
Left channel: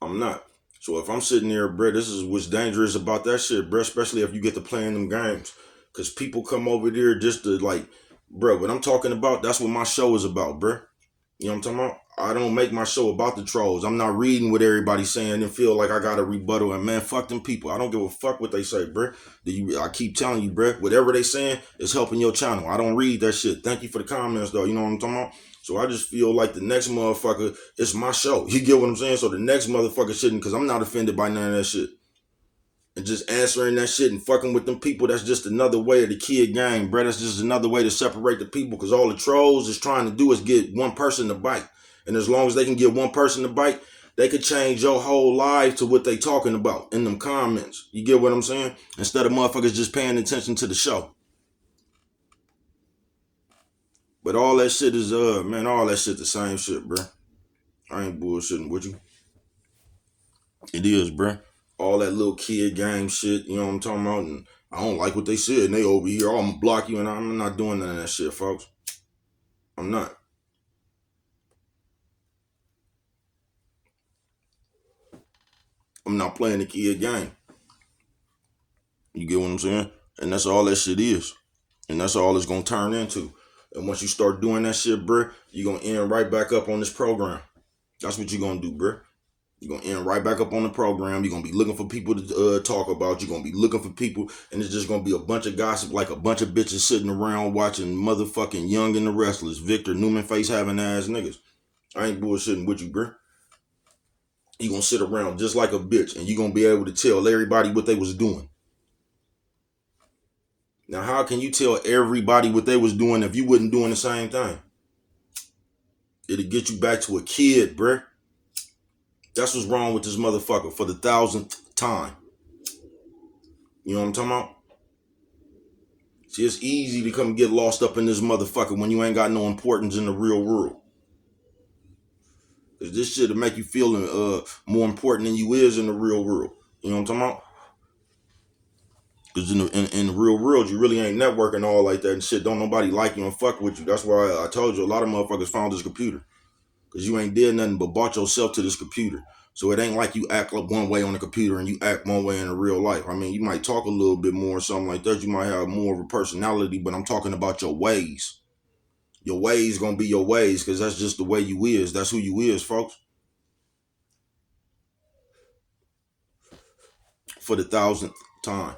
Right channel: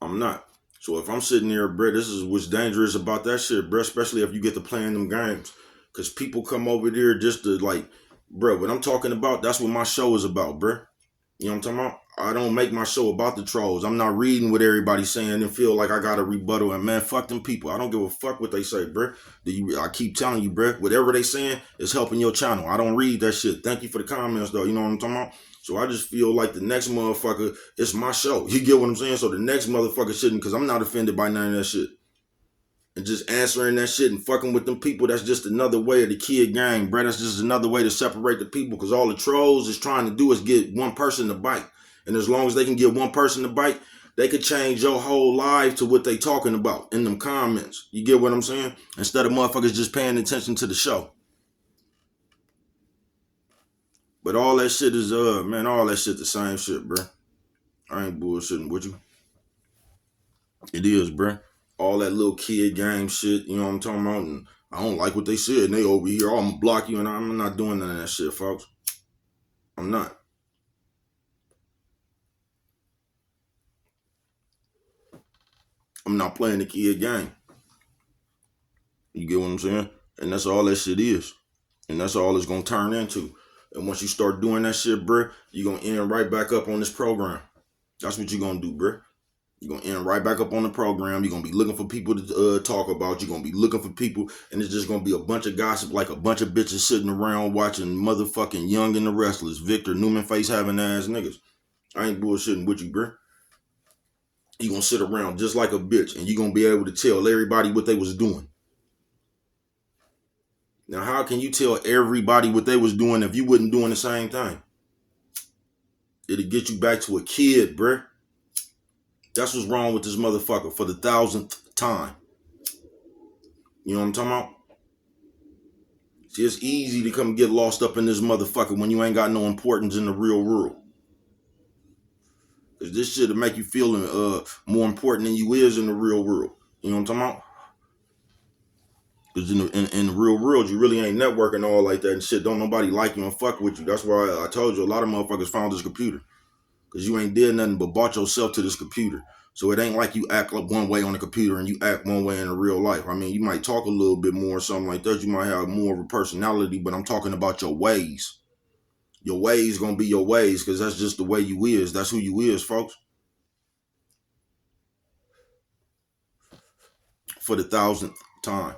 I'm not. So if I'm sitting there, bro, this is what's dangerous about that shit, bro, especially if you get to playing them games. Because people come over there just to, like, bro, what I'm talking about, that's what my show is about, bro. You know what I'm talking about? I don't make my show about the trolls. I'm not reading what everybody's saying and feel like I got a rebuttal. And man, fuck them people. I don't give a fuck what they say, bro. I keep telling you, bro, whatever they saying is helping your channel. I don't read that shit. Thank you for the comments, though. You know what I'm talking about? So I just feel like the next motherfucker, it's my show. You get what I'm saying? So the next motherfucker shouldn't, because I'm not offended by none of that shit. And just answering that shit and fucking with them people, that's just another way of the kid game, bro. That's just another way to separate the people, because all the trolls is trying to do is get one person to bite. And as long as they can get one person to bite, they could change your whole life to what they talking about in them comments. You get what I'm saying? Instead of motherfuckers just paying attention to the show. But all that shit is, man, all that shit the same shit, bro. I ain't bullshitting with you. It is, bro. All that little kid game shit, you know what I'm talking about? And I don't like what they said, and they over here, I'm gonna block you, and I'm not doing none of that shit, folks. I'm not. I'm not playing the kid game. You get what I'm saying? And that's all that shit is. And that's all it's gonna turn into. And once you start doing that shit, bro, you're gonna end right back up on this program. That's what you're gonna do, bro. You're gonna end right back up on the program. You're gonna be looking for people to talk about. You're gonna be looking for people, and it's just gonna be a bunch of gossip, like a bunch of bitches sitting around watching motherfucking Young and the Restless, Victor Newman face having ass niggas. I ain't bullshitting with you, bro. You gonna sit around just like a bitch, and you gonna be able to tell everybody what they was doing. Now, how can you tell everybody what they was doing if you wasn't doing the same thing? It'll get you back to a kid, bruh. That's what's wrong with this motherfucker for the 1000th time. You know what I'm talking about? See, it's easy to come get lost up in this motherfucker when you ain't got no importance in the real world. Cause this shit'll make you feel more important than you is in the real world. You know what I'm talking about? Cause in the real world, you really ain't networking all like that and shit. Don't nobody like you and fuck with you. That's why I told you a lot of motherfuckers found this computer. Cause you ain't did nothing but bought yourself to this computer. So it ain't like you act like one way on the computer and you act one way in the real life. I mean, you might talk a little bit more or something like that. You might have more of a personality, but I'm talking about your ways. Your ways gonna be your ways, cause that's just the way you is. That's who you is, folks. For the 1000th time.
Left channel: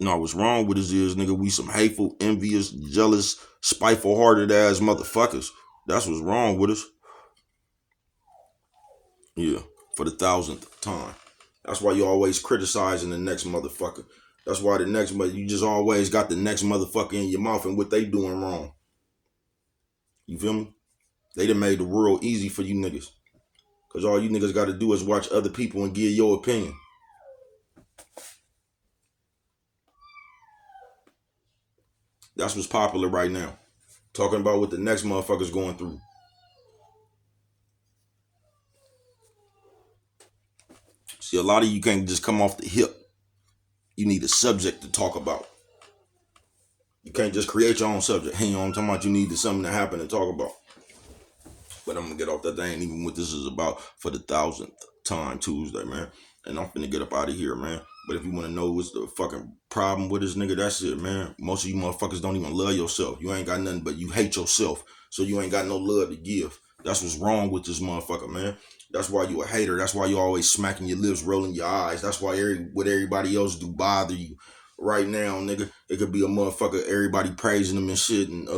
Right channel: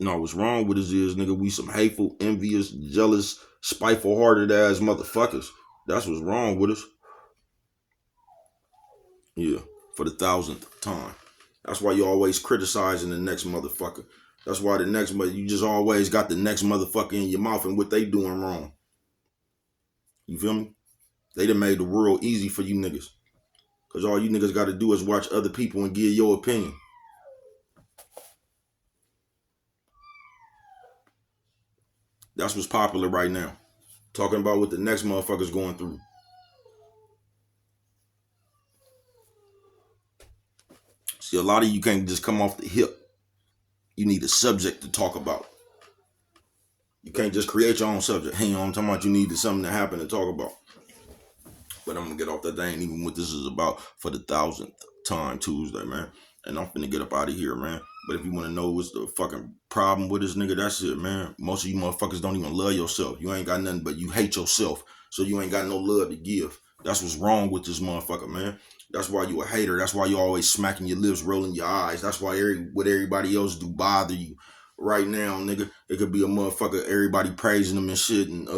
No, what's wrong with us is, nigga, we some hateful, envious, jealous, spiteful-hearted ass motherfuckers. That's what's wrong with us. Yeah, for the 1000th time. That's why you always criticizing the next motherfucker. That's why you just always got the next motherfucker in your mouth and what they doing wrong. You feel me? They done made the world easy for you niggas. Cause all you niggas gotta do is watch other people and give your opinion. That's what's popular right now. Talking about what the next motherfucker's going through. See, a lot of you can't just come off the hip. You need a subject to talk about. You can't just create your own subject. You know what I'm talking about? You need something to happen to talk about. But I'm gonna get off that. That ain't even what this is about for the 1000th time Tuesday, man. And I'm finna get up out of here, man. But if you wanna know what's the fucking problem with this nigga, that's it, man. Most of you motherfuckers don't even love yourself. You ain't got nothing but you hate yourself. So you ain't got no love to give. That's what's wrong with this motherfucker, man. That's why you a hater. That's why you always smacking your lips, rolling your eyes. That's why what everybody else do bother you. Right now, nigga, it could be a motherfucker, everybody praising them and shit, and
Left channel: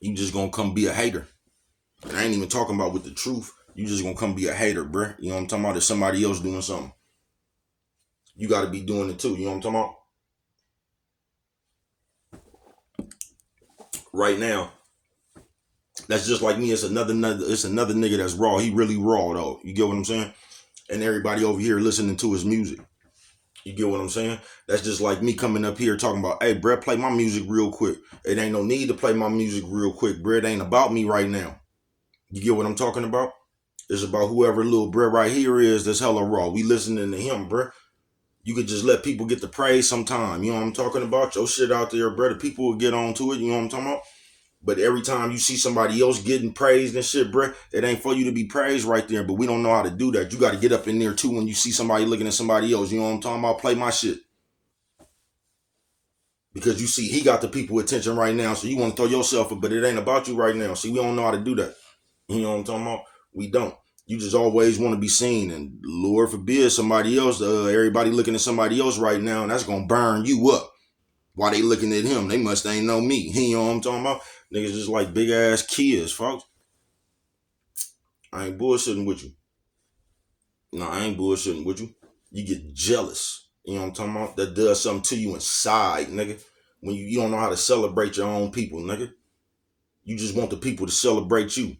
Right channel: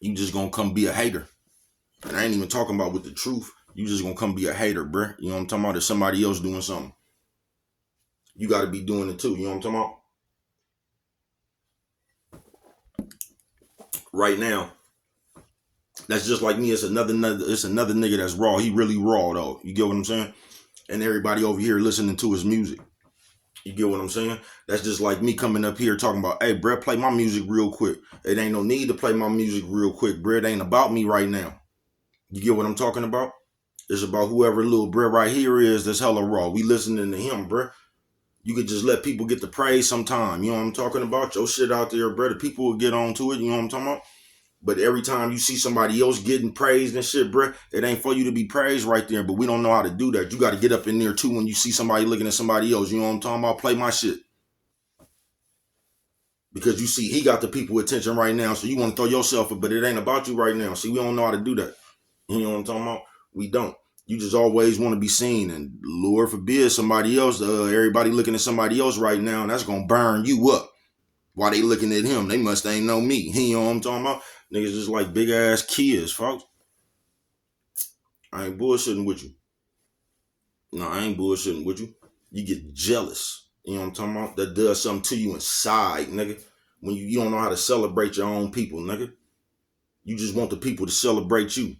you just gonna come be a hater. And I ain't even talking about with the truth. You just gonna come be a hater, bruh. You know what I'm talking about? If somebody else doing something, you gotta be doing it too. You know what I'm talking about? Right now, that's just like me. It's another nigga that's raw. He really raw though. You get what I'm saying? And everybody over here listening to his music. You get what I'm saying? That's just like me coming up here talking about, hey, bruh, play my music real quick. It ain't no need to play my music real quick, bruh. It ain't about me right now. You get what I'm talking about? It's about whoever little bruh right here is that's hella raw. We listening to him, bruh. You could just let people get the praise sometime. You know what I'm talking about? Your shit out there, bruh. The people will get on to it. You know what I'm talking about? But every time you see somebody else getting praised and shit, bruh, it ain't for you to be praised right there. But we don't know how to do that. You got to get up in there too when you see somebody looking at somebody else. You know what I'm talking about? Play my shit. Because you see, he got the people attention right now. So you want to throw yourself up, but it ain't about you right now. See, we don't know how to do that. You know what I'm talking about? We don't. You just always want to be seen. And Lord forbid somebody else, everybody looking at somebody else right now, and that's going to burn you up. While they looking at him, they must ain't know me. You know what I'm talking about? Niggas just like big ass kids, folks. I ain't bullshitting with you. No, I ain't bullshitting with you. You get jealous. You know what I'm talking about? That does something to you inside, nigga. When you don't know how to celebrate your own people, nigga. You just want the people to celebrate you.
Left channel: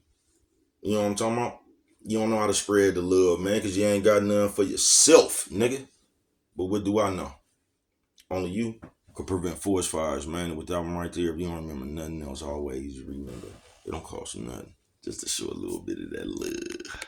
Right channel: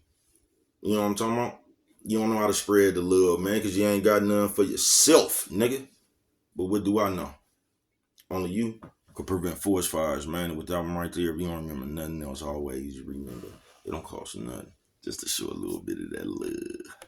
You know what I'm talking about? You don't know how to spread the love, man, because you ain't got nothing for yourself, nigga. But what do I know? Only you could prevent forest fires, man. And with that one right there, if you don't remember nothing else, always remember it don't cost nothing just to show a little bit of that love.